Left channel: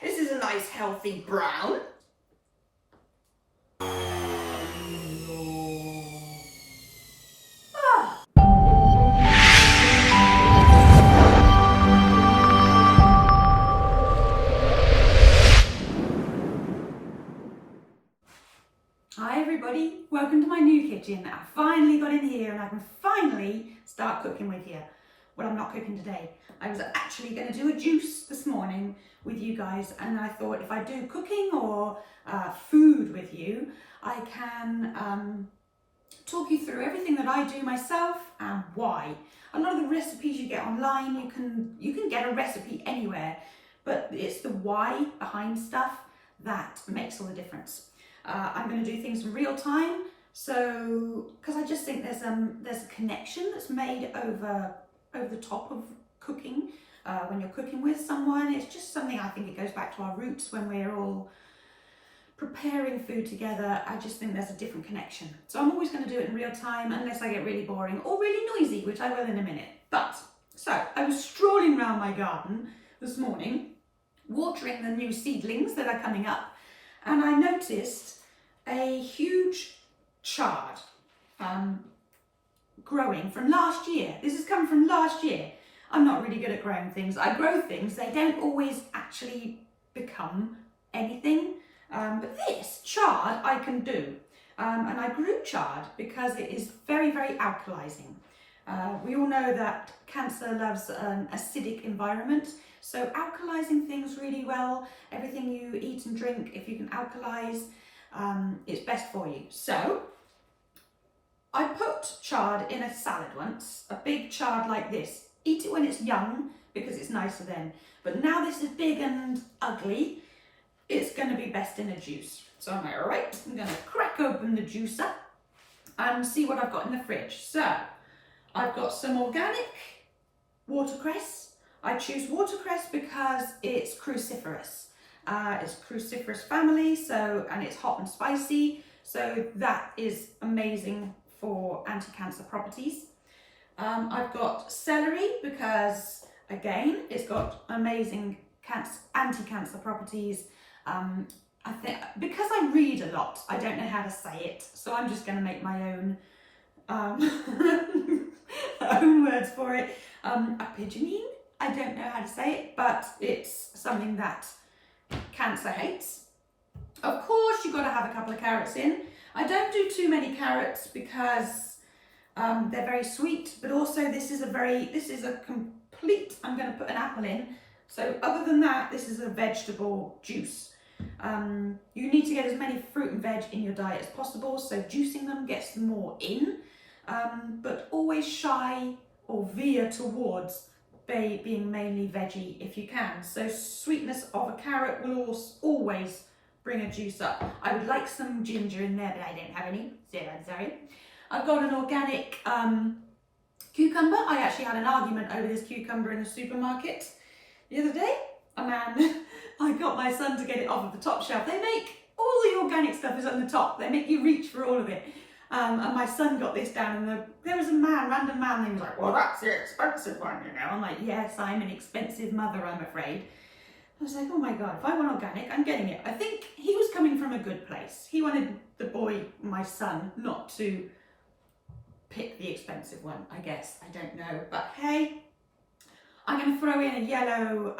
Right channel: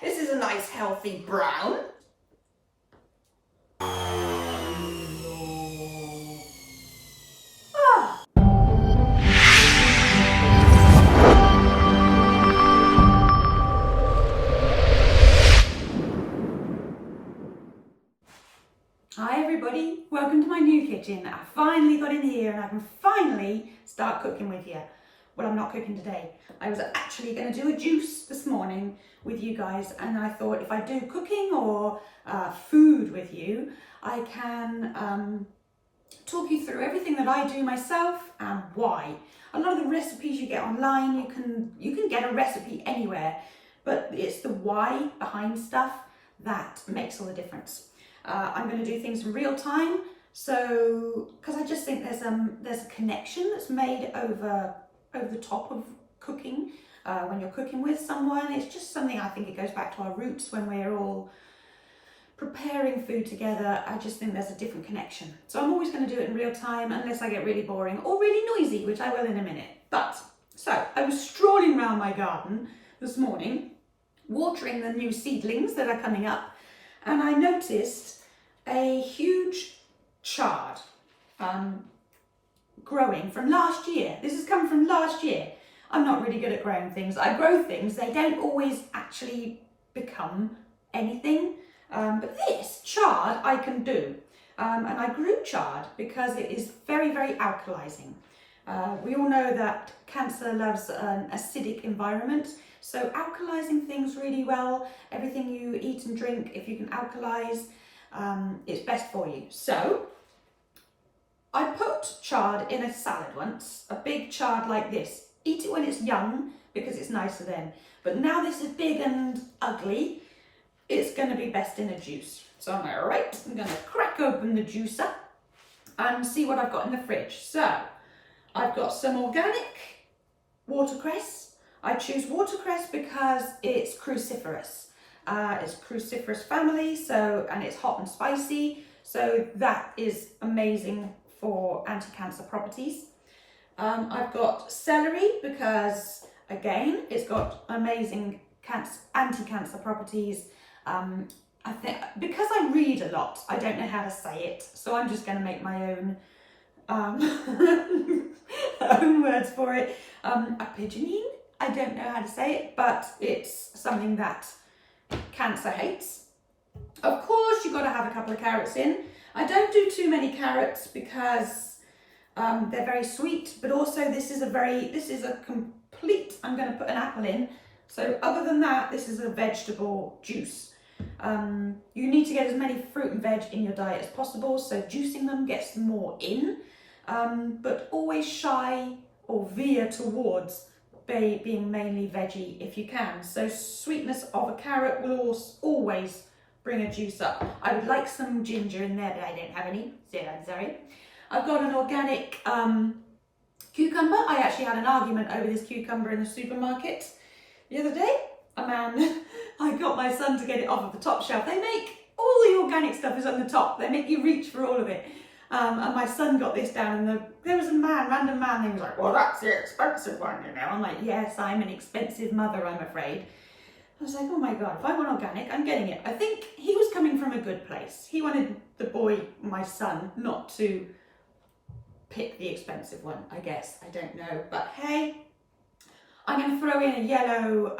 This is a nice healthy brown. Hi everybody, welcome to my new kitchen. I finally got in here and I can finally start cooking with you. Well, I'm not cooking today. I was actually going to do a juice this morning with you guys, and I thought if I do cooking or food with you, I can talk you through everything that I do myself and why. A lot of the recipes you get online, you can get a recipe anywhere, but it's the why behind stuff that makes all the difference. I'm going to do things in real time, so because I just think there's a connection that's made over the top of cooking when you're cooking with someone. It's just something, I think it goes back to our roots when we're all preparing food together. I just think there's a different connection. So I'm always going to do it in real time unless I get really boring or really noisy, which I will in a minute. So I was strolling around my garden this morning, watering the new seedlings that are coming up, and I noticed a huge chard growing from last year. This has come from last year. I'm not really good at growing things. I grow things, they don't always actually become anything. But this chard I can do. And I grew chard because it is very, very alkalizing. We all know that cancer loves an acidic environment. So alkalizing things really well, everything you eat and drink, if you can alkalize, it's best for you. So I put chard in a salad once, a big chard like this. Eat it when it's young because it's nicer then. But now this is big and ugly, it's going to be best in a juice. So I'm like, right, I'm going to crack open the juicer and see what I've got in the fridge. So I've got some organic watercress. I choose watercress because it's cruciferous. It's cruciferous family, and it's hot and spicy. So that is amazing for anti-cancer properties. I've got celery because, again, it's got amazing anti-cancer properties. I think because I read a lot, I don't know how to say it, so I'm just going to make my own own words for it. Apigenin, I don't know how to say it, but it's something that cancer hates. Of course, you've got to have a couple of carrots in. I don't do too many carrots because they're very sweet, but also this is a complete, I'm going to put an apple in. So other than that, this is a vegetable juice. You need to get as many fruit and veg in your diet as possible, so juicing them gets more in, but always shy or veer towards being mainly veggie if you can. So sweetness of a carrot will always bring a juice up. I would like some ginger in there, but I don't have any, so I'm sorry. I've got an organic cucumber. I actually had an argument over this cucumber in the supermarket the other day. I got my son to get it off of the top shelf. They make all the organic stuff is on the top. They make you reach for all of it. And my son got this down, and there was a random man, he was like, well, that's the expensive one, you know. I'm like, yes, I'm an expensive mother, I'm afraid. I was like, oh my God, if I want organic, I'm getting it. I think he was coming from a good place. He wanted the boy, my son, not to pick the expensive one, I guess. I don't know. But hey, I'm going to throw in a yellow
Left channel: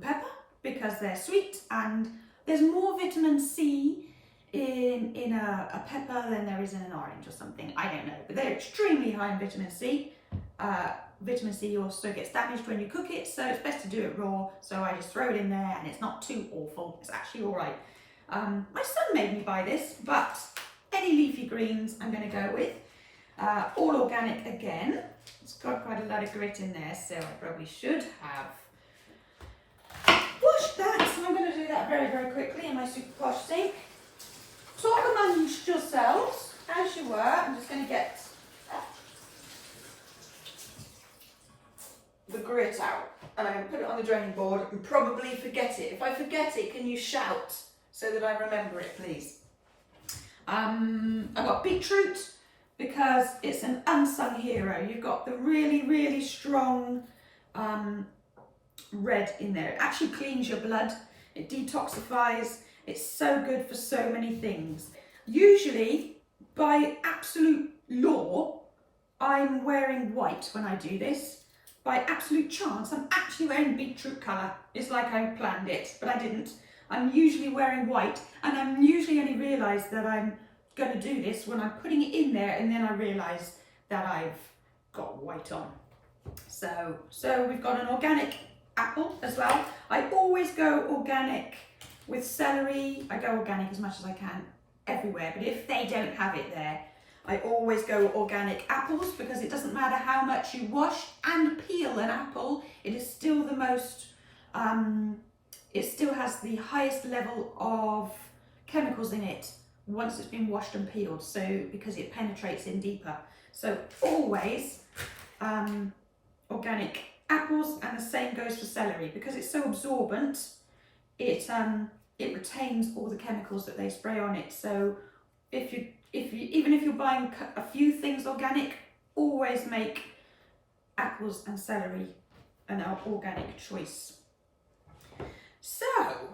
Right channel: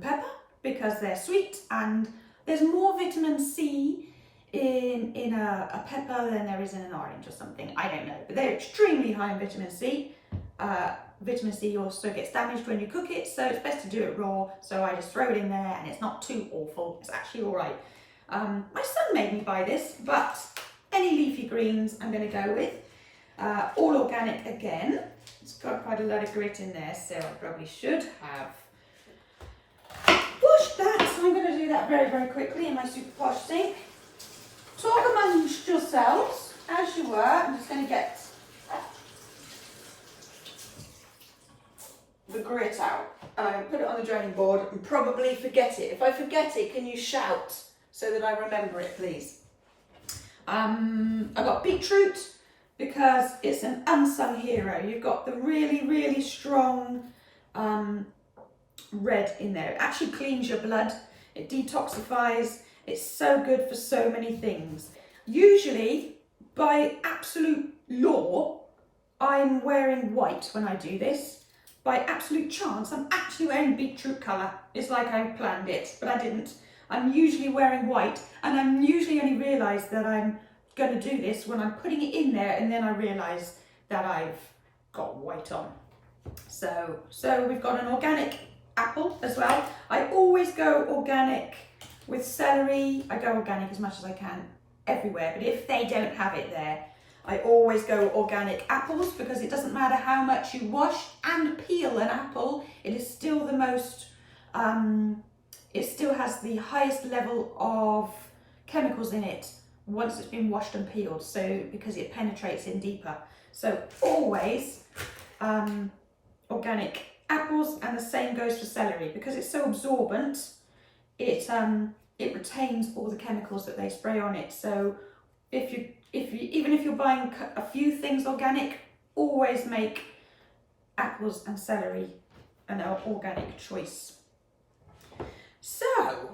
pepper because they're sweet, and there's more vitamin C in a pepper than there is in an orange or something. I don't know, but they're extremely high in vitamin C. Vitamin C also gets damaged when you cook it, so it's best to do it raw. So I just throw it in there, and it's not too awful. It's actually all right. My son made me buy this, but any leafy greens I'm going to go with. All organic again. It's got quite a lot of grit in there, so I probably should have washed that. So I'm going to do that very, very quickly in my super posh sink. Talk amongst yourselves as you were. I'm just going to get the grit out, and I'm going to put it on the draining board and probably forget it. If I forget it, can you shout so that I remember it, please? I've got beetroot because it's an unsung hero. You've got the really, really strong red in there. It actually cleans your blood. it detoxifies, it's so good for so many things. Usually, by absolute law, I'm wearing white when I do this. By absolute chance, I'm actually wearing beetroot colour. It's like I planned it, but I didn't. I'm usually wearing white, and I'm usually only realise that I'm going to do this when I'm putting it in there, and then I realise that I've got white on. So we've got an organic apple as well. I always go organic with celery. I go organic as much as I can everywhere, but if they don't have it there, I always go organic apples, because it doesn't matter how much you wash and peel an apple, it is still the most, it still has the highest level of chemicals in it once it's been washed and peeled, so because it penetrates in deeper. So always organic apples, and the same goes for celery, because it's so absorbent, it retains all the chemicals that they spray on it. So even if you're buying a few things organic, always make apples and celery an organic choice. So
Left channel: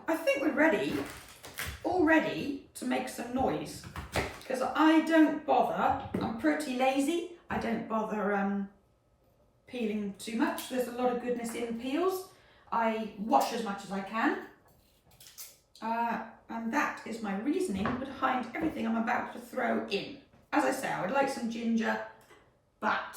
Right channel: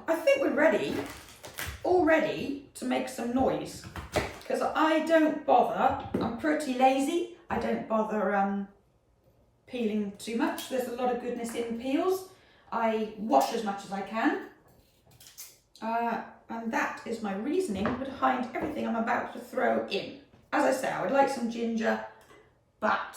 I think we're all ready to make some noise, because I don't bother, I'm pretty lazy, I don't bother peeling too much. There's a lot of goodness in peels. I wash as much as I can. And that is my reasoning behind everything I'm about to throw in. As I say, I would like some ginger, but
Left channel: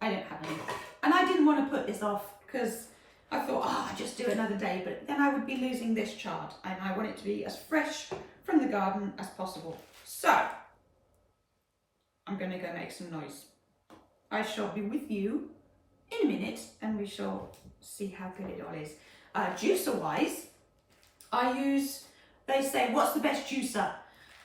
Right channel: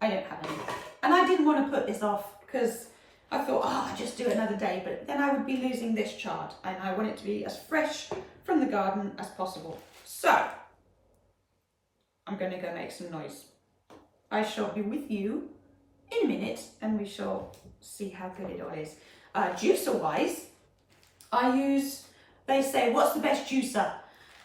I don't have any. And I didn't want to put this off, because I thought, I'll just do it another day, but then I would be losing this chard, and I want it to be as fresh from the garden as possible. So, I'm going to go make some noise. I shall be with you in a minute, and we shall see how good it all is. Juicer-wise, they say, what's the best juicer?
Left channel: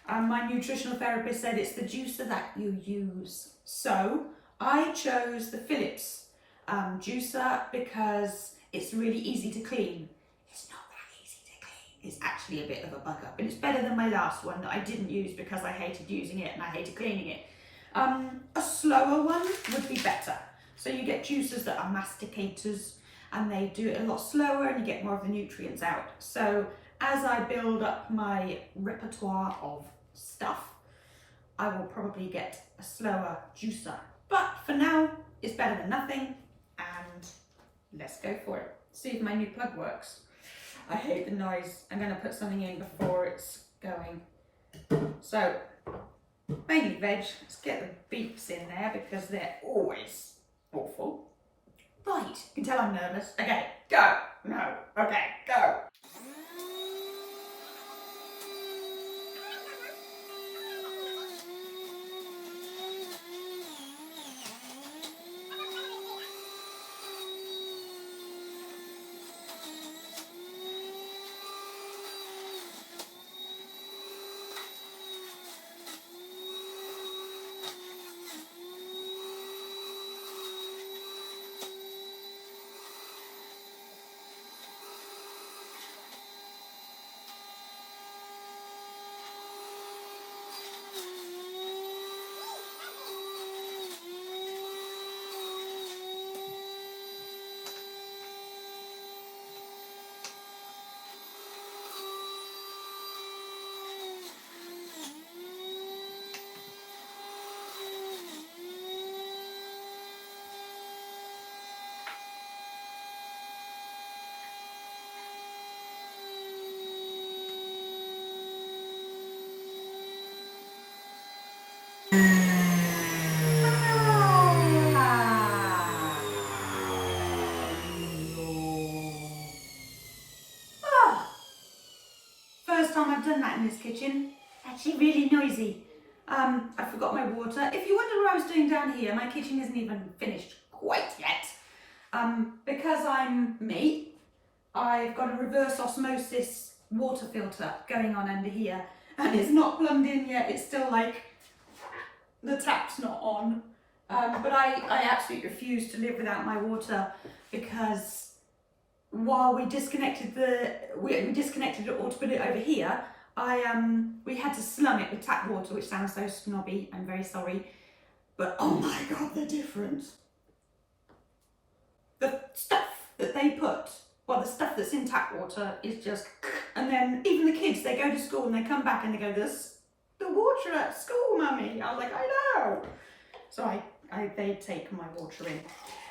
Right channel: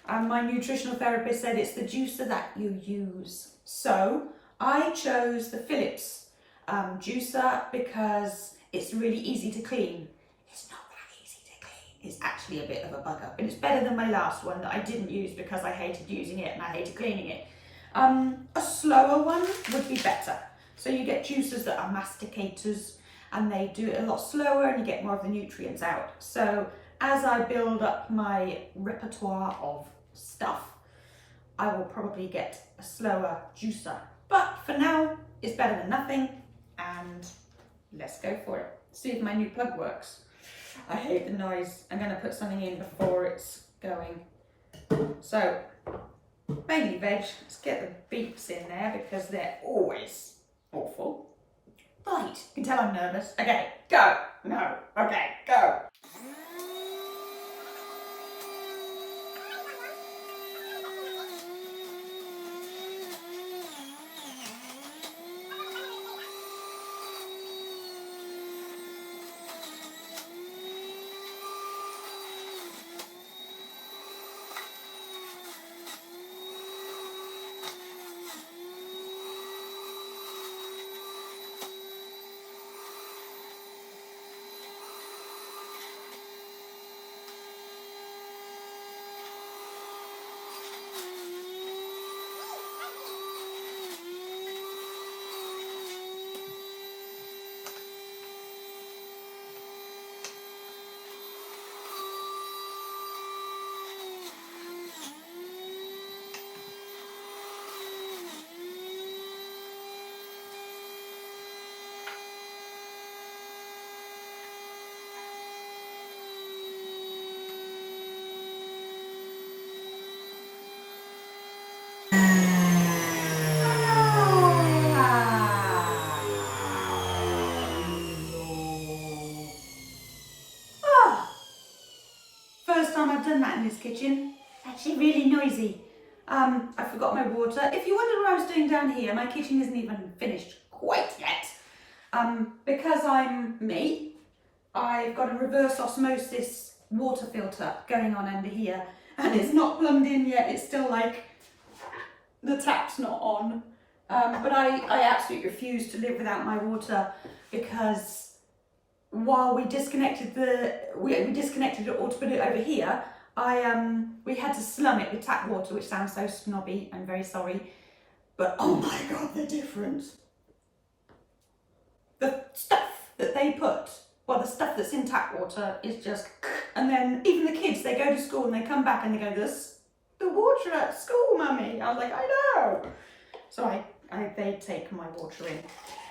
And my nutritional therapist said it's the juicer that you use. So I chose the Philips juicer, because it's really easy to clean. It's not that easy to clean. It's actually a bit of a bugger, but it's better than my last one that I didn't use because I hated using it and I hated cleaning it. A slower one would be better. So you get juicers that are masticators, and they do it a lot slower, and you get more of the nutrients out. So as I build up my repertoire of stuff, I will probably get a slower juicer. But for now, it's better than nothing, and let's go for it. See if my new plug works. I hate the noise. I'm going to put something in before it's going. So, mainly veg. Let's get the beets in there, because they're always awful. Right, you can tell I'm nervous. Okay, go. No, okay, go. First time I've done that in this kitchen. Actually really noisy. I forgot my water. If you wonder what I was doing down here, my kitchen isn't even finished quite yet. Because I'm me, I've got a reverse osmosis water filter going on under here, and it's not plumbed in yet. It's still like the tap's not on. But I absolutely refuse to live without my water, because while we disconnected we disconnected it all to put it over here, we had to slum it with tap water, which sounds so snobby. I'm very sorry, but oh my god, they're different. The stuff that they put, well, the stuff that's in tap water is just And then even the kids, they go to school and they come back and they go, "There's the water at school, mummy." I was like, "I know." So they take my water in.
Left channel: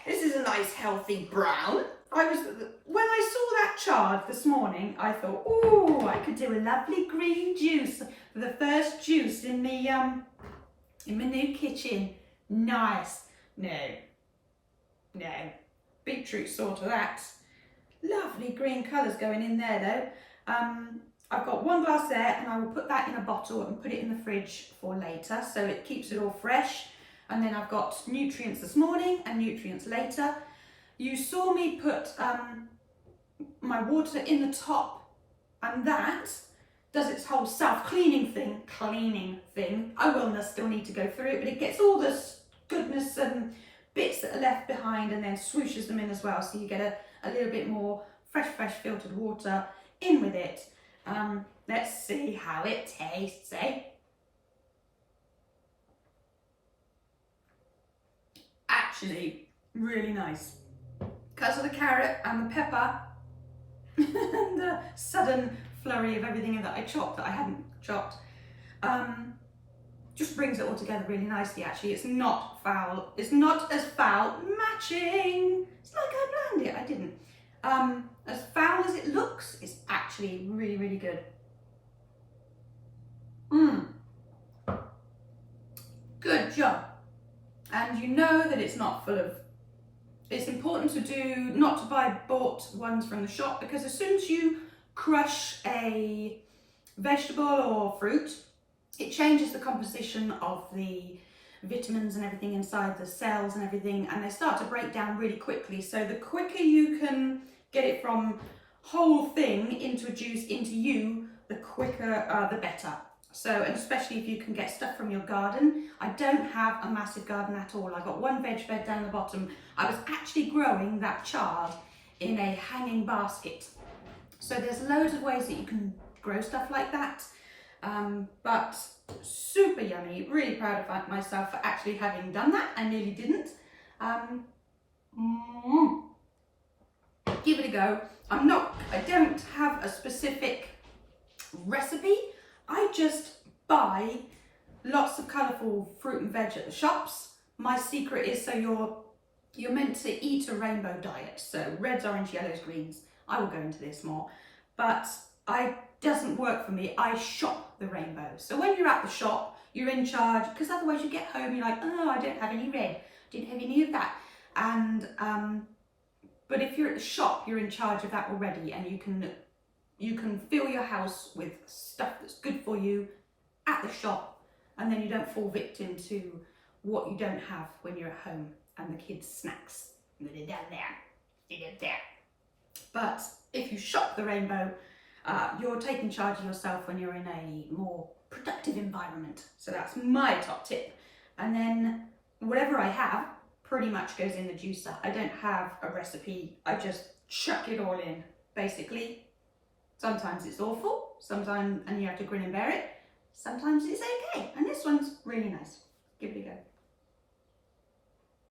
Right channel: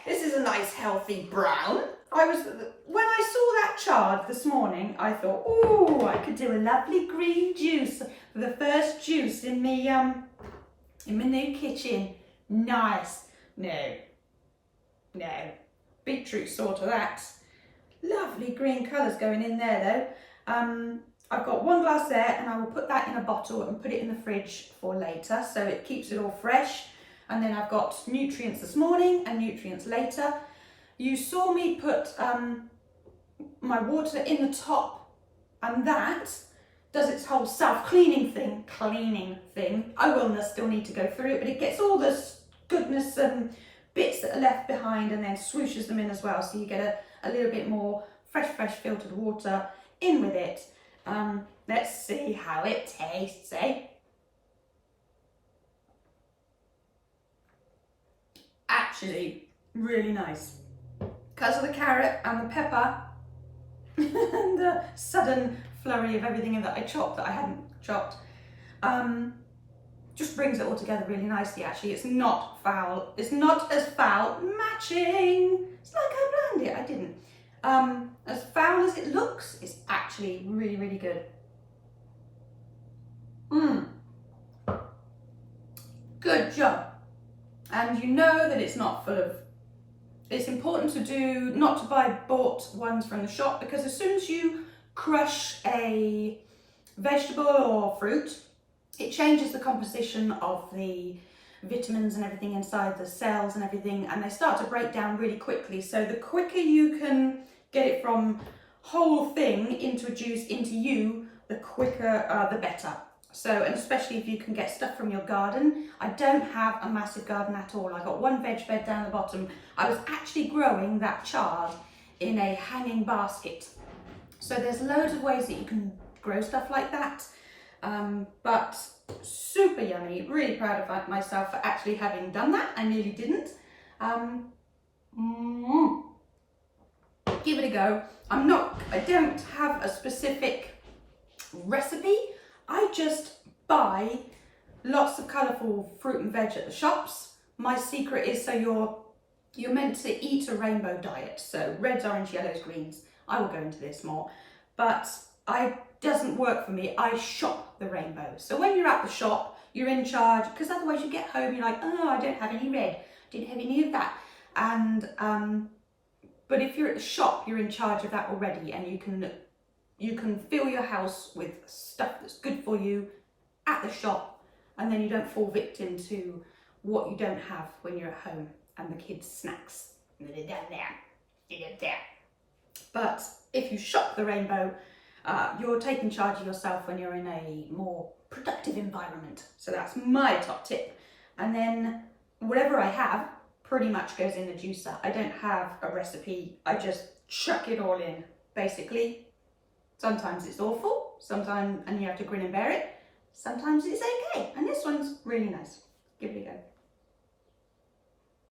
This is a nice healthy brown. When I saw that chard this morning, I thought, oh, I could do a lovely green juice for the first juice in my new kitchen. Nice. No. Beetroot sort of that. Lovely green colours going in there though. I've got 1 glass there, and I will put that in a bottle and put it in the fridge for later, so it keeps it all fresh. And then I've got nutrients this morning and nutrients later. You saw me put my water in the top, and that does its whole self-cleaning thing. I will still need to go through it, but it gets all this goodness and bits that are left behind and then swooshes them in as well. So you get a little bit more fresh filtered water in with it. Let's see how it tastes, eh? Actually, really nice. Because of the carrot and the pepper and the sudden flurry of everything that I chopped that I hadn't chopped, just brings it all together really nicely. Actually, it's not foul. It's not as foul. Matching. It's like I planned it. I didn't. As foul as it looks, it's actually really, really good. Good job. And you know that it's not full of, it's important not to buy bought ones from the shop, because as soon as you crush a vegetable or fruit, it changes the composition of the vitamins and everything inside the cells and everything, and they start to break down really quickly. So the quicker you can get it from whole thing into a juice into you, the quicker the better. So, and especially if you can get stuff from your garden. I don't have a massive garden at all. I got 1 veg bed down the bottom. I was actually growing that chard in a hanging basket. So there's loads of ways that you can grow stuff like that. But super yummy. Really proud of myself for actually having done that. I nearly didn't. Give it a go. I don't have a specific recipe. I just buy lots of colourful fruit and veg at the shops. My secret is, so you're meant to eat a rainbow diet. So reds, orange, yellows, greens. I will go into this more, but it doesn't work for me. I shop the rainbow. So when you're at the shop, you're in charge, because otherwise you get home, you're like, oh, I don't have any red. Didn't have any of that. And, but if you're at the shop, you're in charge of that already, and you can fill your house with stuff that's good for you at the shop, and then you don't fall victim to what you don't have when you're at home and the kids' snacks. They're down there. But if you shop the rainbow, you're taking charge of yourself when you're in a more productive environment. So that's my top tip. And then whatever I have pretty much goes in the juicer. I don't have a recipe. I just chuck it all in, basically. Sometimes it's awful, sometimes, and you have to grin and bear it. Sometimes it's okay, and this one's really nice. Give it a go.